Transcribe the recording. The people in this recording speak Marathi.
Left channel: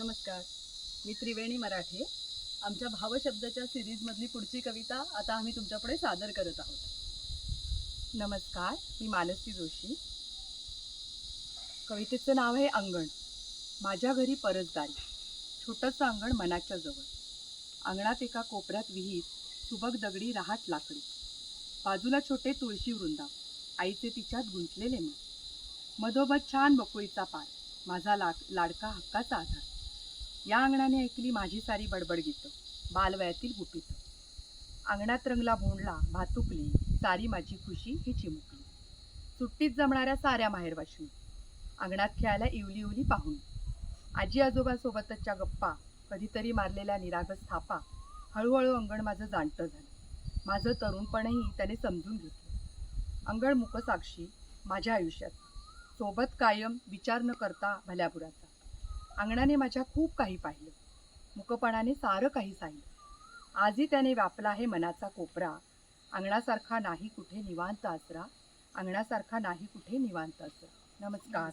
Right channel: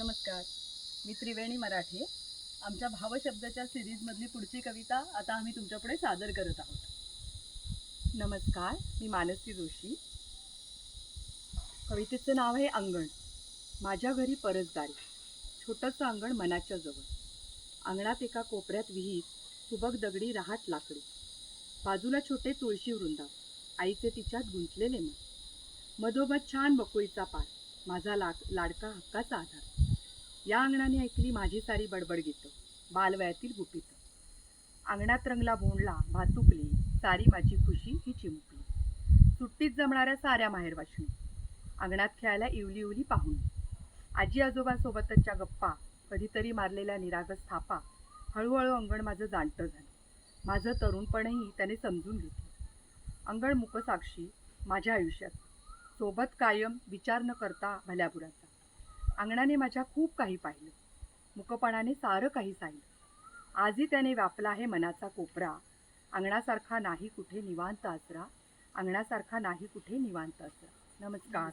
नमस्कार. मी त्रिवेणी मराठे. आमच्या भावशब्दाच्या सिरीजमधली पुढची कविता आता आम्ही तुमच्यापुढे सादर करत आहोत. नमस्कार, मी मानसी जोशी. कवितेचं नाव आहे अंगण. माझ्या घरी परसदारी, छोटंसं अंगण मनाच्या जवळ. अंगणात एका कोपऱ्यात विहीर, सुबक दगडी रहाट लाकडी. बाजूला छोटे तुळशी वृंदाव, आईचे तिच्यात गुंतलेले मन. मधोमध छान बकुळीचा पार, माझा लाडका हक्काचा आधार. या अंगणाने ऐकली माझी सारी बडबड गीतं, बालवयातील गुपितं. अंगणात रंगला भोंडला, भातुकली, सारी माझी खुशी ही चिमुकली. सुट्टीत जमणाऱ्या साऱ्या माहेरवाशिणी, अंगणात खेळायला इवली इवली पाहुणी. आजी आजोबासोबतच्या गप्पा, कधीतरी मारलेल्या निरागस थापा. हळूहळू अंगण माझं जाणतं झालं. माझं तरुणपणही त्याने समजून घेतलं. अंगण मुकसाक्षी माझ्या आयुष्यात, सोबत कायम विचार न करता भल्याबुराचा. अंगणाने माझ्या खूप काही पाहिलं, मुकपणाने सारं काही साहिलं. आजही त्याने व्यापला आहे मनाचा कोपरा. अंगणासारखा नाही कुठे निवांत आसरा, अंगणासारखा नाही कुठे निवांत आसरा. नमस्कार.